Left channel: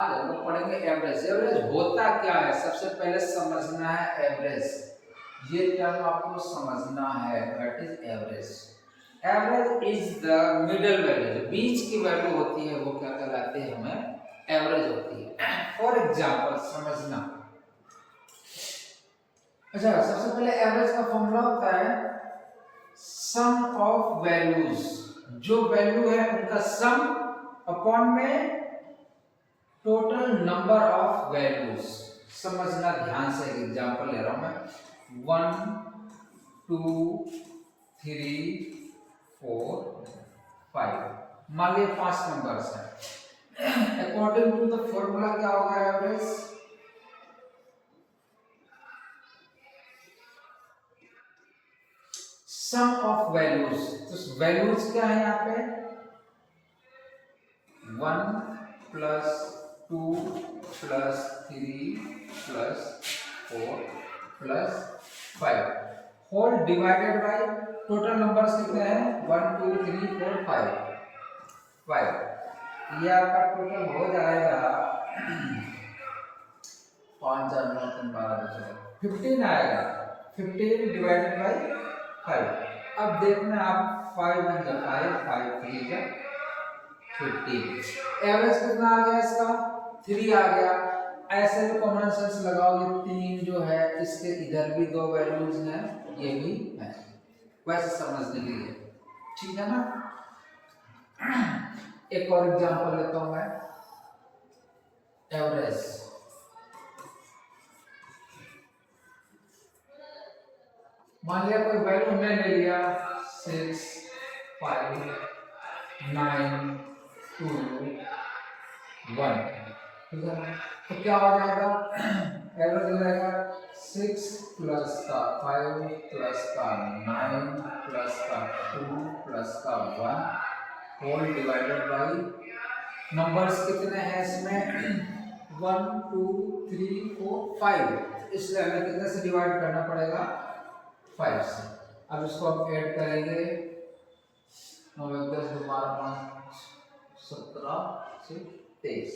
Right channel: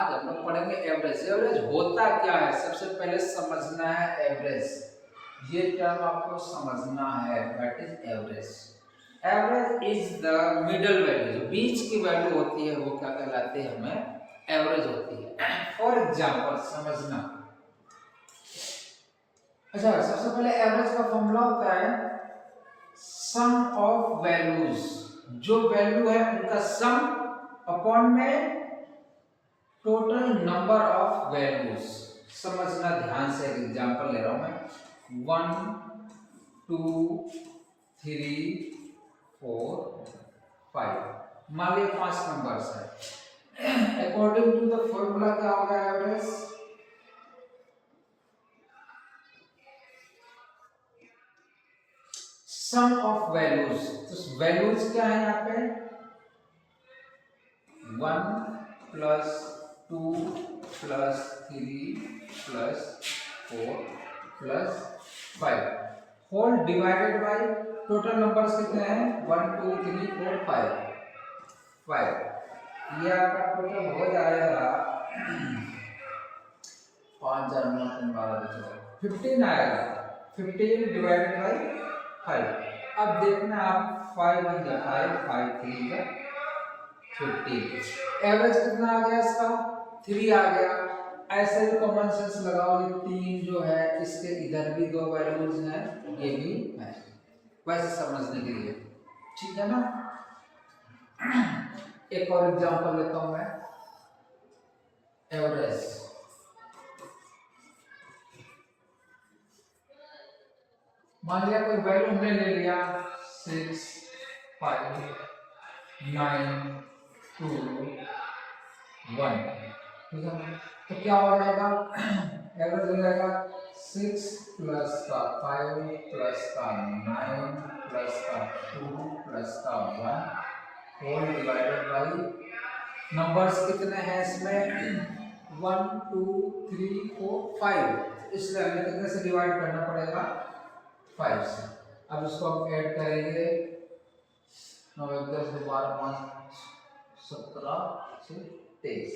आज हम लोग पढ़ेंगे एवरेज। एवरेज होता क्या है, सबसे पहले समझना है एवरेज। ये टर्म आपको समझना है, what is average. Average is the middle value, जो बीच की वैल्यू होती है वो क्या कहलाती है, हमें एवरेज होती है। फॉर एग्जांपल समझना। अच्छा, सबसे पहले एवरेज का फॉर्मूला होता है सम ऑफ वैल्यूज, जो वैल्यू है उनका सम अपॉन में टोटल नंबर ऑफ वैल्यूज। समझना ध्यान से, एक एग्जांपल ले रहा हूं मैं। 1 2 3 4 5, मान लीजिए 5 नंबर्स है। अकॉर्डिंग टू द फॉर्मूला क्या होगा एवरेज, सम ऑफ वैल्यूज। तो वैल्यूज क्या है यहाँ पे, 1 plus 2 plus 3 plus 4 plus 5 whole divided by total numbers कितने हैं, 1 2 3 4 5। ये आपका टोटल हो जाएगा 5 4 9 3 12 15 आएगा। 15 डिवाइडेड बाय 5। अब देखना आप, 5 1 जा 5, 5 3 जा 15। एवरेज कितना आ गया इसका, 3 आ गया। ऐसे भी कॉमन सेंस लगाओ, ये 3 जो है इसके इधर भी 2 वैल्यूज हैं, ये भी है, वैसे समझने के लिए, ठीक है ना। एक और एग्जांपल लेता हूं मैं, एवरेज। मान लिया कोई वैल्यू हमने ले लिया 6 5 9 2 1, ठीक है ना। तो क्या हो जाएगा, एवरेज हो जाएगा 6 प्लस का 5 प्लस का 9 प्लस का 2 प्लस का 1 होल डिवाइडेड बाई नंबर्स कितने हैं इसमें 1 2 3 4 5, इसलिए हमें कितने से डिवाइड करना पड़ेगा, 5 से। अब इसको हम ऐड करेंगे, 9 1 10 2 12 5 17 से 23,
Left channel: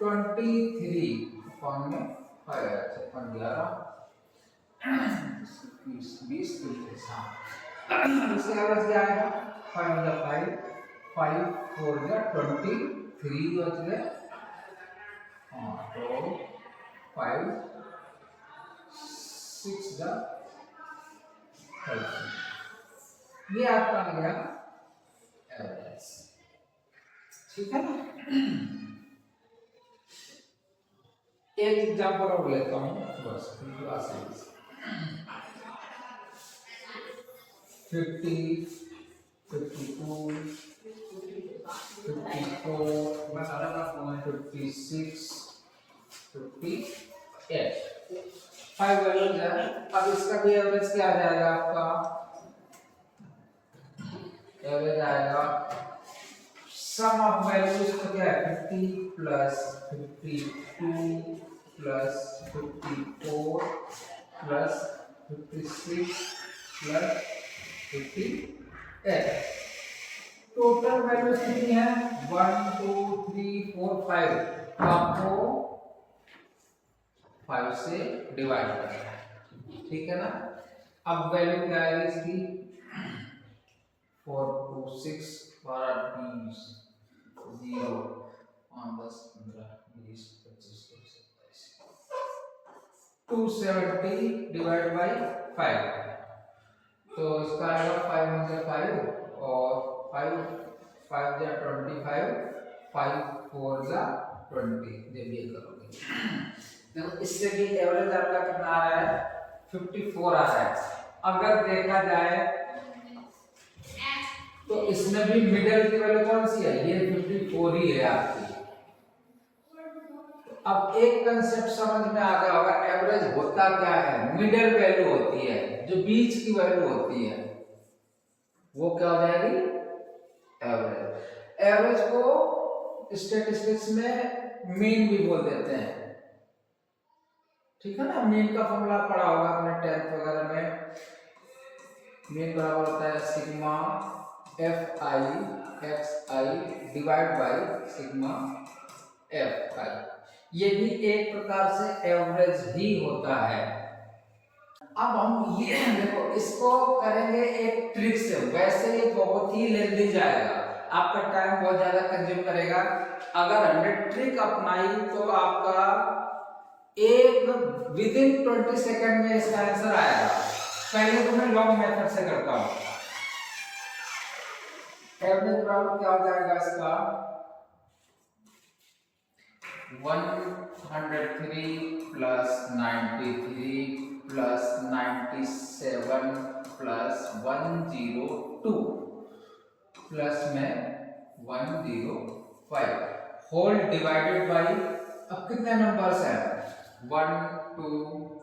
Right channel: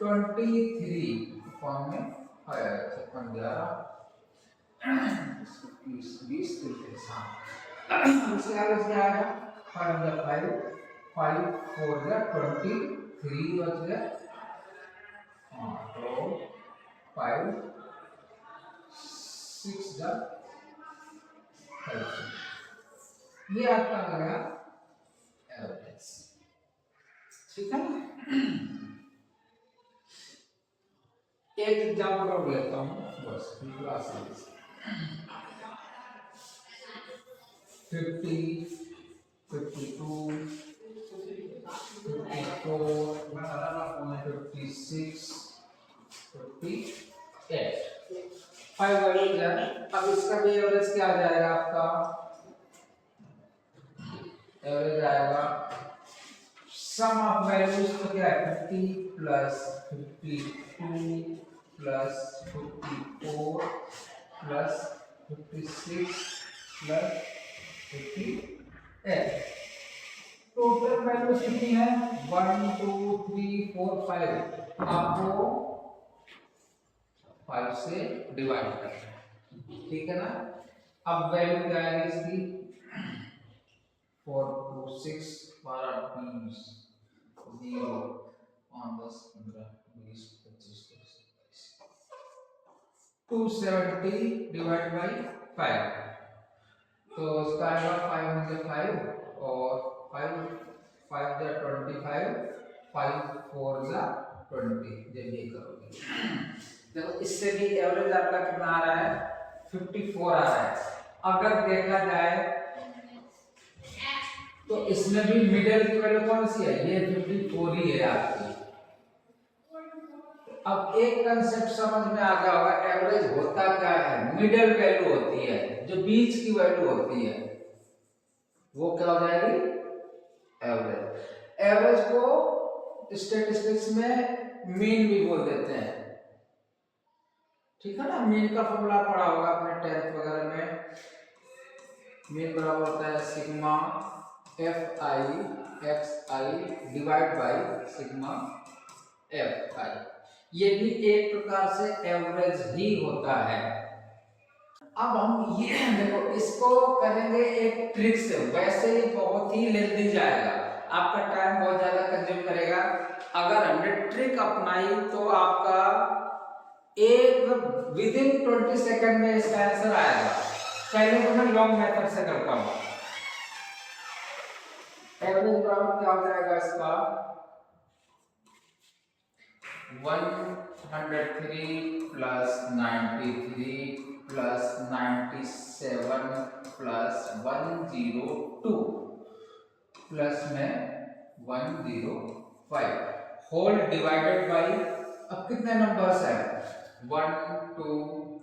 23 अपॉन में 56 11 20 23। इसके एवरेज क्या आएगा, 5 5 5 4 23 बच गए। हाँ, तो 5 6 30, ये आपका आ गया एवरेज, ठीक है ना। एक एग्जांपल और लेता हूँ बस, बिल्कुल आसान से। 50 52 54 56 58, 5 वैल्यूज है। अब इसका भी एवरेज क्या आ जाएगा, आपका एवरेज आएगा सम ऑफ वैल्यूज, तो क्या है 50 plus 52 plus 54 plus 56 plus 58। Total value कितनी है, 1 2 3 4 5, आपको 5 से डिवाइड करना है, ठीक है ना। अब वैल्यू क्या आएगी इसकी, 4 2 6 12 20 0 5 10 15 20 25 27 270 डिवाइड बाई 5, तो इसका आएगा 5 × 5 और 5 5 जा 25, 5 4 जा 20, जब ये करोगे देखो इससे भी एवरेज आपका कितना आ रहा है, 54 आ रहा है। अगर देखा जाए तो इसमें भी मिडिल की वैल्यू कौन सी है, ये 54 ही है आपकी। अब एक कंसेप्ट समझ में आ गया होगा, एवरेज होता क्या है, मिडिल वैल्यू होती है, जो बीच की वैल्यू होती है वो क्या हो जाएगी, एवरेज। एवरेज को स्टैटिस्टिक्स में मीन भी बोल देते हैं, ठीक है ना। मीन का फॉर्मूला पढ़ा होगा आपने 10th वगैरह में। मीन बराबर होता है sigma F I x I divide by sigma F I, ये भी एक प्रकार से एवरेज ही होता है। अब हम ये देखो इसको करेंगे एक ट्रिक से, वैसे ही बहुत ही लेंदी जाएगा, आपका टाइम बहुत ज्यादा कंज्यूम करेगा। अगर हमने ट्रिक अपनाई तो आपका एक विदिन 20 सेकंड में इसका आंसर आएगा। पहले तो मैं लॉन्ग मेथड से करता हूं। एवरेज बराबर क्या हो जाएगा इसका 103 प्लस 93 प्लस 97 प्लस 102 प्लस में 105 होल डिवाइडेड बाई, अब कितने नंबर्स हैं 1 2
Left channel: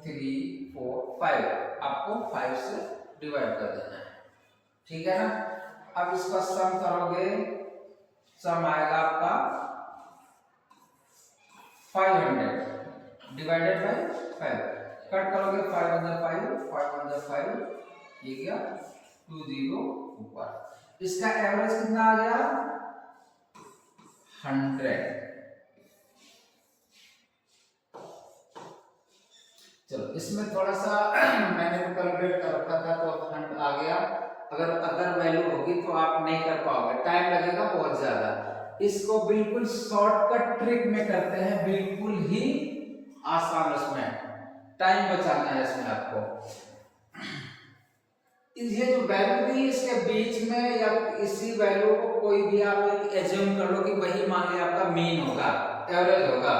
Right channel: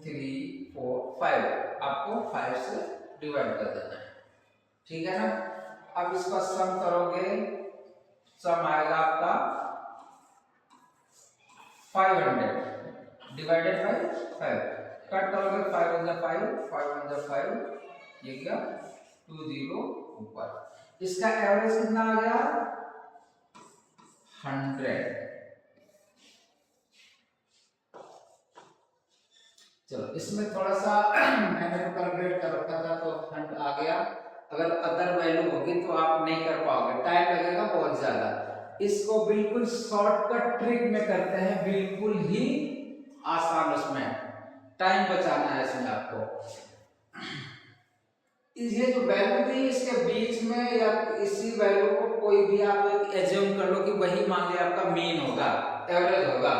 3 4 5, आपको 5 से डिवाइड कर देना है, ठीक है ना। अब इसका सम करोगे, सम आएगा आपका 500 डिवाइडेड बाई 5, कट करोगे 5 अंदर 5, ये गया 20 ऊपर, इसका एवरेज कितना आ गया 100। चलो इसमें थोड़ा सा मैंने कैलकुलेट कर रखा था तो 100 आ गया। अगर अदर वैल्यू होगी तो आप नहीं कर पाओगे, टाइम लगेगा बहुत ज्यादा। इसको बिल्कुल शॉर्टकट ट्रिक में करते हैं, बिल्कुल ही आसान, उसमें टाइम बचाना है इसमें आपको। ये जो वैल्यू दी इसके बीच में या इसी वैल्यू को कोई भी आप एक एज्यूम कर लो कि वही मान लिया आपका मीन होगा, एवरेज होगा।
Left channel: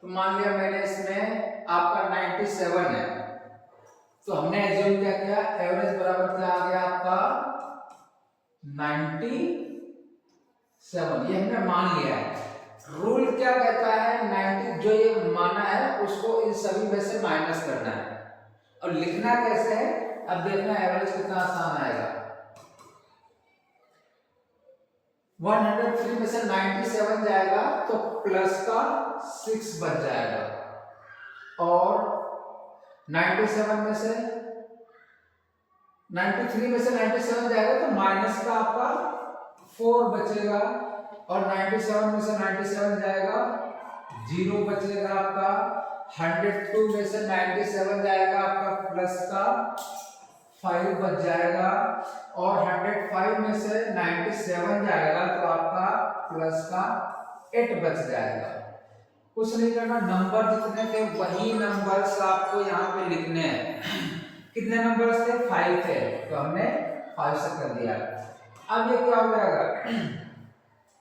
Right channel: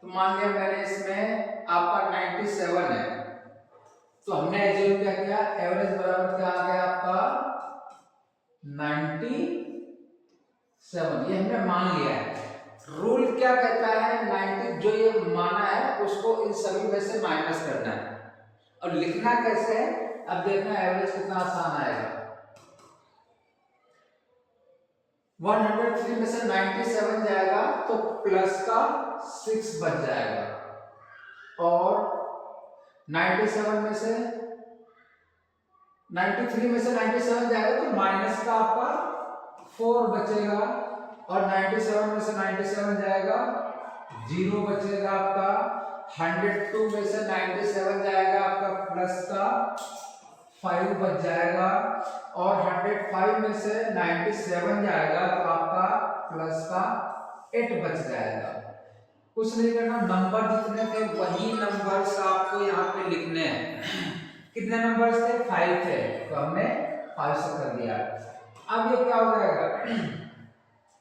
तो मान लिया मैंने इसमें आपका 97 है, तो हमने एज्यूम क्या किया, एवरेज बराबर क्या आ गया आपका 97, ये हमने मान लिया है। रूल क्या कहता है 90 जो ये माना है उसको इन सभी में से माइनस करना है, और लिखना कैसे है अब देखना, एवरेज कितना आसान आएगा। 103 में से 97 जाएगा तो प्लस का 6 बच जाएगा, और 97 में से 93 में से 97 जाएगा तो माइनस का आपका 4 बचेगा, और 97 में से 97 जाएगा 0 बचेगा आपका। 102 में से 97 जाएगा आपका प्लस का 5 बच जाएगा, और 105 में से 97 जाएगा तो आपका प्लस का 8 बच जाएगा। कुछ नहीं करना, नंबर जितने थे वही नंबर्स आपको यहाँ पे लिखने हैं। कितने नंबर्स थे 5 थे, तो हमने 5 से कर दिया। अब ये क्या हो जाएगा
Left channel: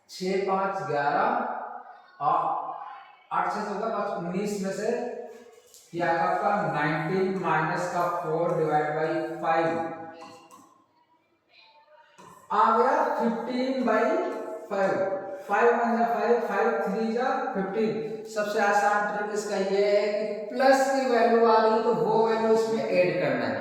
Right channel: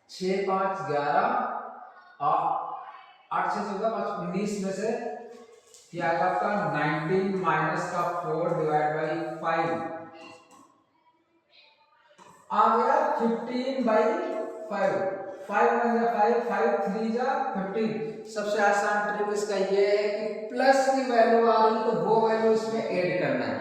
6 5 11 और 8 6 14 5 19 में से क्या आएगा आपका 19 माइनस का 4 डिवाइड बाई 5 आ गया 15 बाई 5, 5 अंदर 5 5 3 जा 15। सबसे आसान ट्रिक इसका ये है कि प्लस की वैल्यू आ रही तो वो वैल्यू इसमें ऐड करना है,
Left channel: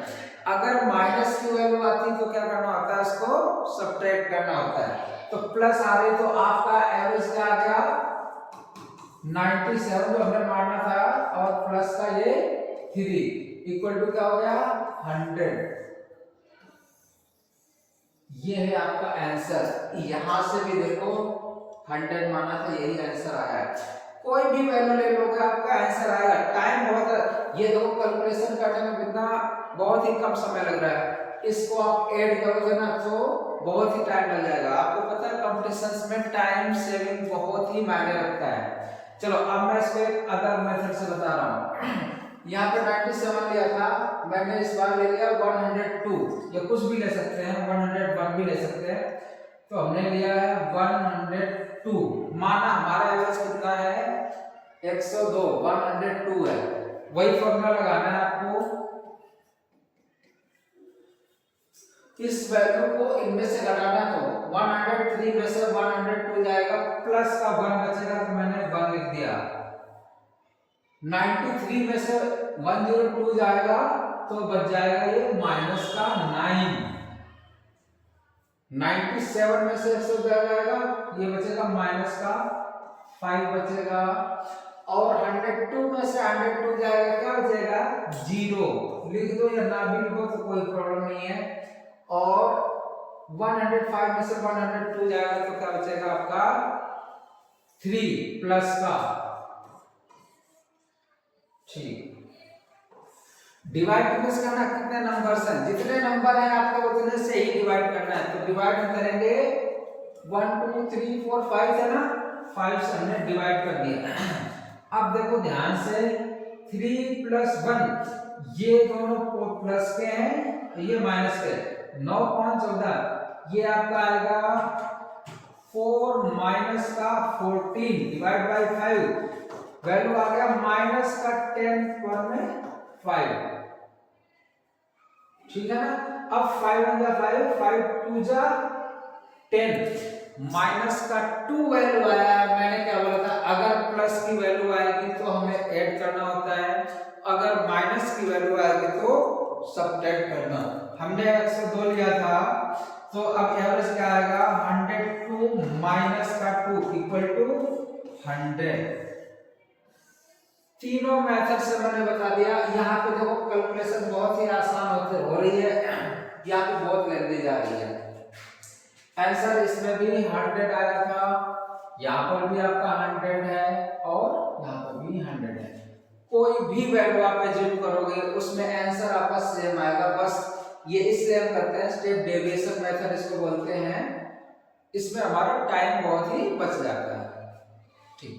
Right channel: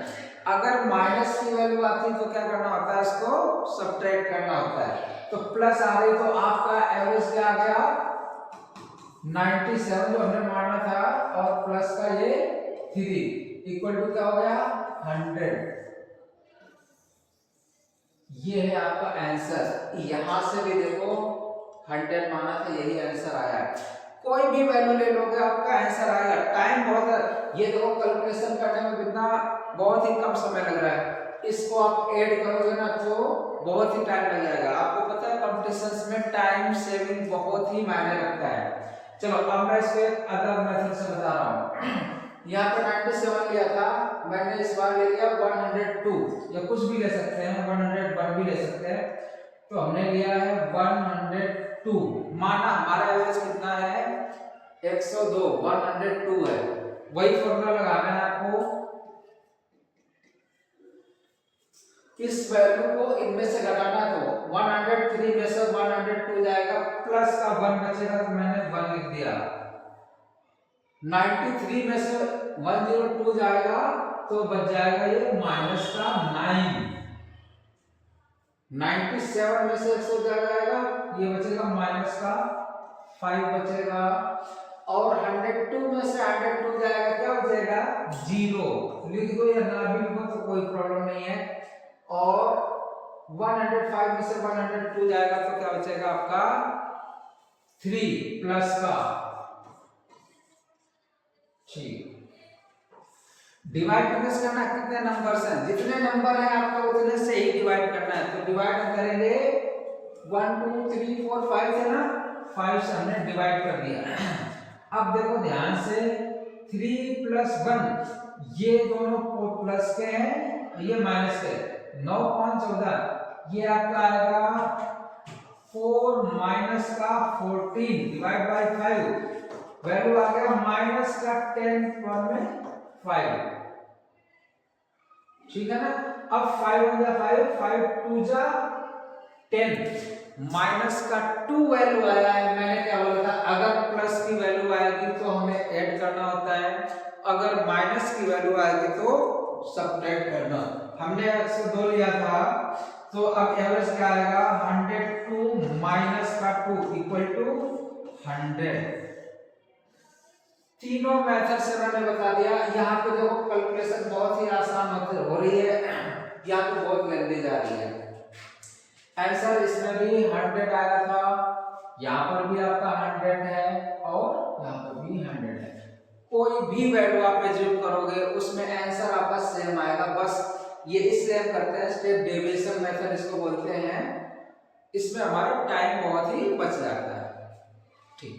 अगर माइनस की वैल्यू आती तो क्या करना होता है, इसको सब्ट्रैक्ट करना होता है। तो प्लस आ रही तो आपका एवरेज क्या आ गया 97 जो हमने मारना था, और प्लस का ये 3 इक्वल टू क्या हो गया 100। ये है आपका आंसर, यहां से भी देखो 100 माना था, यही आंसर आया है। कोई भी वैल्यू ले लोगे आपका आंसर आएगा। टाइम बहुत है, ये देखो कैलकुलेशन करने में कितना बहुत ही कम समय लग रहा है, इसको आप ऐड करोगे ना तो बहुत ही टाइम लग जाएगा। आपको पता है कॉम्पिटिशन्स में टाइम सेविंग बहुत ही मायने रखता है। चलो अब मैं इसको एक अदर मेथड से बता रहा हूँ। यहाँ पे 97 लिया था, मैंने इस बार ले लिया 102, या कुछ भी ले सकते हैं 101 भी ले सकते हैं, तो हमने लिया है 102। माना हमारा एवरेज कितना है 102, 102 है। वही फॉर्मूला लगाना है आपको, इस वैल्यू को इनमें से घटाना, तो 103 में से 102 जाएगा, प्लस का 1 बचेगा तो मैंने 1 लिख दिया। 93 में से 102 जाएगा तो बच जाएगा ये माइनस का 9। 97 में से 100 जाएगा, ये बचेगा माइनस का 5 बचेगा, और 102 में से 102 जाएगा क्या बचेगा 0। लिख दो या ना भी लिखो तो कोई प्रॉब्लम नहीं है। और 105 में से 102 जाएगा तो क्या बचेगा आपका 3 प्लस का, ठीक, डिवाइड किस करना, कितने नंबर हैं, जितने नंबर हैं आपको उतने से ही डिवाइड करना है। तो डिवाइड हम करेंगे 1 2 3 4 5 है ना, 5 से हमने डिवाइड कर दिया। अब देखो ध्यान से 3 प्लस 1 ये दोनों प्लस के हैं, ये माइनस के, 9 5 14, ये आपका आएगा 4 माइनस का 14 डिवाइड बाय 5, वैल्यू आ गया माइनस का 10 पर में 5, ठीक है ना। अब 5 हो गया 5, 5 2 जा 10, माइनस का 2 वैल्यू आया है। मैंने क्या बोला था, अगर प्लस की वैल्यू आएगी तो हमें ऐड करना होता है, अगर माइनस की वैल्यू आएगी तो सब्ट्रैक्ट करना। हमने 102 लिया था, तो अब एवरेज क्या आएगा, 102 माइनस का 2 इक्वल टू 100। तीनों मेथड से मैंने बता दिया। यहाँ पे देखो कैलकुलेशन बहुत ही आसान हो रही है, यहाँ पे बहुत लेंदी जा रही है। आंसर इसमें भी 100 आया था, यहाँ पर भी आपका 100 है और यहाँ पर भी 100 है। कोई भी वैल्यू आप एज्यूम करोगे उसमें आंसर आपका सेम आएगा, बस ये इसलिए हम करते हैं स्टेप डेविएशन मेथड इसको बोलते हैं, इसमें हमारा टाइम बहुत ही बच जाता है। ठीक।